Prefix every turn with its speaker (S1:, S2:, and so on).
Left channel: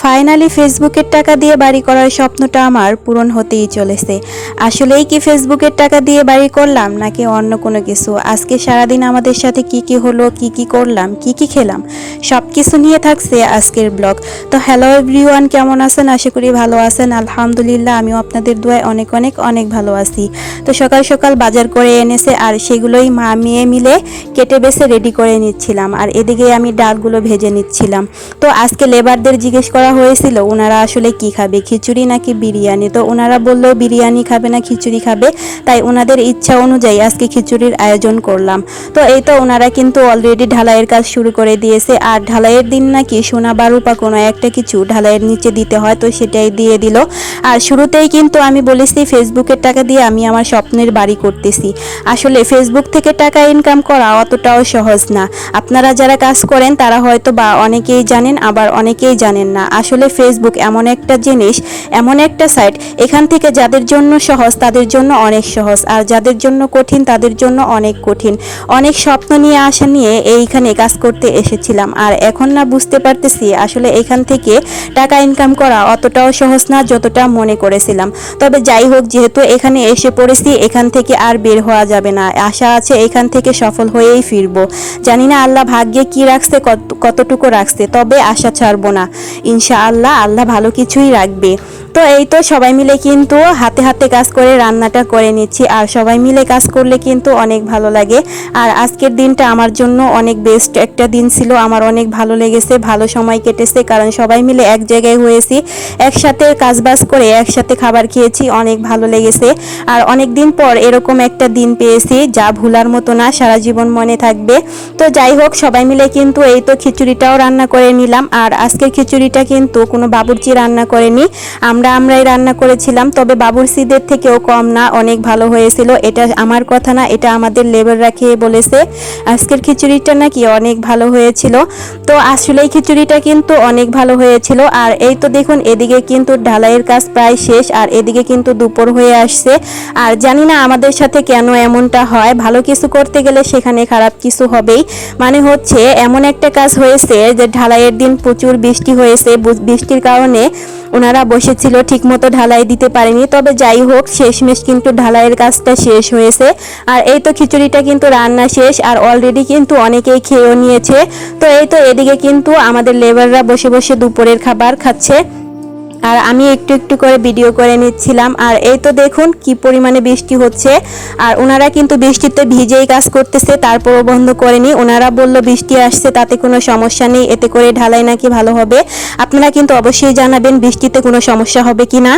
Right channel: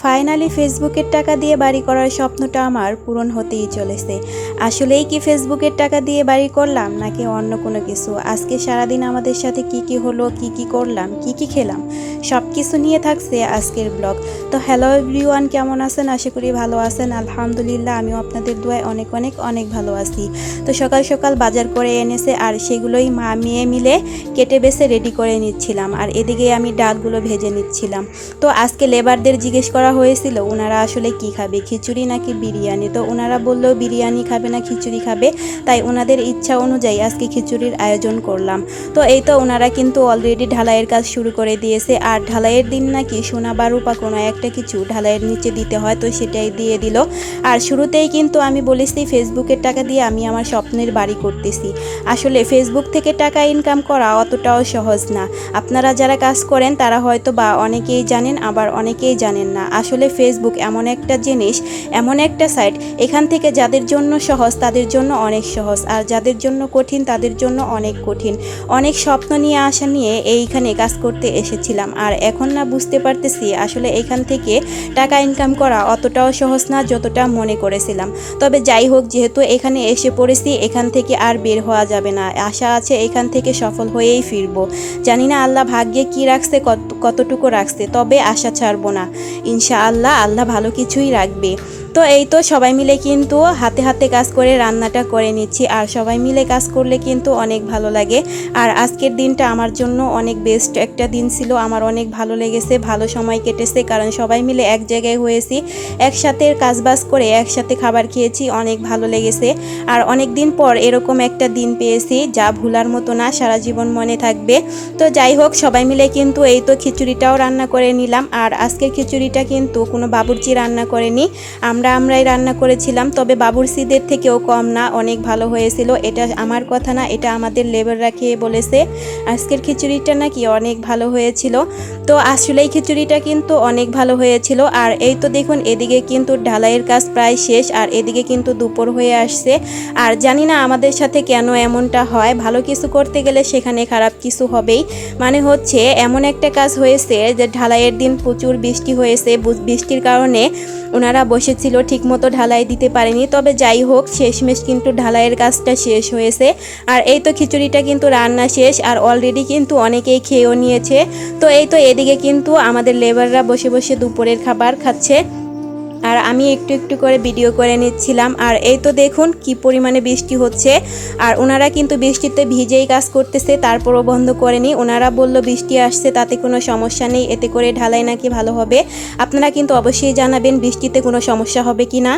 S1: Fa finally ফেসবুকের টাকা দিয়ে বাড়ি করার স্বপ্নটা আমার পূরণ হতেই চলেছে। আসলেই কি ফেসবুকের টাকা দিয়ে বাড়ি করলাম নাকি অন্য কোনো কিছু? আজকে সারাদিন আমাদের সাথে কি কি হলো, কি কি করলাম, কি কি খেলাম সব কিছু নিয়ে থাকছে আজকের ব্লগ। তো হ্যালো এভরিওয়ান, কেমন আছেন? আশা করি ভালো আছেন। আলহামদুলিল্লাহ, আমিও আপনাদের দোয়ায় অনেক অনেক অনেক ভালো আছি। তো সকাল সকাল বাজার করে এনেছে আর সেগুলোই মা মেয়ে মিলে কেটে বেছে রেডি করে নিচ্ছিলাম। আর এদিকে আমি ডালগুলো ভেজে নিচ্ছিলাম। তো আজকে লেবারদের জিজ্ঞেস করা হয়েছিল ওনারা আসলে কি খাবে, খিচুড়ি নাকি বিরিয়ানি? তো ওনারা বলল, বিরিয়ানি খাবে না, খিচুড়ি খাবে। তাই ওনাদের ইচ্ছা অনুযায়ী আজকে খিচুড়ির আয়োজন করলাম। তো এই তো ওনারা কিন্তু অলরেডি ঢালাইয়ের কাজ শুরু করে দিয়েছে। আর ঢালাইয়ের দিন নাকি সোনা বারুপা কোনো একটা কিছু ঢালাইয়ের নিচে দিতে হয়, তো সেটাই দিয়ে দিল। আর শুরুতেই কিন্তু আমি বলেছি, ফেসবুকের টাকা দিয়ে আমি আমার স্বপ্নের বাড়ি করতেছি। আসলে ফেসবুক থেকে টাকা ইনকাম করা অতটাও সহজ না। আপনারা যারা কাজ করেন, তারা হয়তো বা অনেকেই জানেন, আবার অনেকেই জানেন না। আসলে ফেসবুক এমন একটা জিনিস, এমন একটা সাইট এখান থেকে যাদের জন্য সহজ তাদের জন্য অনেক সহজ, আর যাদের জন্য কঠিন তাদের জন্য অনেক কঠিন। অনেক স্বপ্ন নিয়ে আসা নিয়ে এইখানে কাজ করতে এসেছিলাম, আর এখন না বুঝতে পারতেছি আসলে এখান থেকে টাকা ইনকাম করা অতটাও সহজ না যতটা মনে করেছিলাম। তবে যাই হোক, যেহেতু এখানে এসে পড়েছি, এখান থেকে আর বের হওয়া যাবে না। আশা আছে এখান থেকে সফল হয়েই ফিরবো। জানি না আল্লাহ ভাগ্যে কি রাখছে, কত- কতটুকু রাখছে, তবে আশা ছাড়বো না। ইনশাআল্লাহ আল্লাহ আল্লাহ ভালো কিছুই রাখবে। তো এই তো সবাই মিলে কিন্তু হাতে হাতে কাজ করে রান্নাটা করে নিচ্ছি। আর সবাই মিলে কাজ করলে কিন্তু অনেক ভালো লাগে। আর আজকের দিনটা আমার জন্য অনেক বেস্ট একটা দিন ছিল। আমার অনেক ভালো লেগেছে, ভালো সময় কেটেছে। কারণ সবাই মিলে এক জায়গায় হয়েছি, একসাথে কাজবাজ করে একসাথে খাবার খেয়েছি, অনেক ভালো লেগেছে। আর অনেক দিন পর এরকম একটা দিন পেয়েছি, যা ভুলার মতো না, সারা জীবন মনে থাকবে। তো যাই হোক, সবাই মিলে কিন্তু এই তো খিচুড়িটাও রান্না করে নিলাম। আর আজকের খিচুড়িটা কিন্তু কোনো বাবুর্চি রান্না করেনি। আমরা আমরাই রান্না করেছিলাম, তবে বাবুর্চিদের থেকেও কম না, অনেক ভালো হয়েছিল। এটা আমার কথা না, এটা আমাদের লেবাররা খেয়ে বলেছে। আজকের খিচুড়িটা নাকি অনেক ভালো হয়েছিল। তো আসলেই খিচুড়িটা কিন্তু অনেক ভালো হয়েছিল। আর এই তো দেখুন, এদিকে কিন্তু ঢালাইয়ের কাজ প্রায় শেষ, আর এদিকে কিন্তু দুপুর হয়ে আসছে। আর জানি না আমাদের সাথে কেন এমনটা হয়, ভালো কিছু করতে গেলে সেখানে খারাপ কিছু হবেই। মানে হচ্ছে, এমন একটা কাজ হয়েছে যে ঢালাইয়ের দিন প্রচুর বৃষ্টি হয়েছে, বৃষ্টির কারণে ওনারা বসেছিল, ঠিকমতো ঢালাই দিতে পারেনি। তবে যাই হোক, শেষমেশ কিন্তু ঢালাইয়ের কাজটা শেষ হয়েছে। আর এই তো খিচুড়িটা কিন্তু রান্না শেষ, আর অলরেডি কিন্তু অনেকেই খেয়েও নিয়েছে। তো এই তো এদিকে কিন্তু আমাদের লেবাররা বসে বসে দুপুরের খাবার খাচ্ছে। আর আমি একটু একটু করে ভিডিও করে নিচ্ছিলাম। আর এই তো দেখুন কি পরিমাণে বৃষ্টি হচ্ছে। আর ওনারা কিন্তু বৃষ্টিতে ভিজেই কাজ করতেছে, তারপরও বন্ধ করেনি। ওনারা বলল বৃষ্টি আসছে, তাতে কোনো সমস্যা নেই, এতে করে ঢালাই নাকি ভালো হবে। আপনারা কিন্তু অবশ্যই জানাবেন বৃষ্টিতে কোনো সমস্যা হবে কি না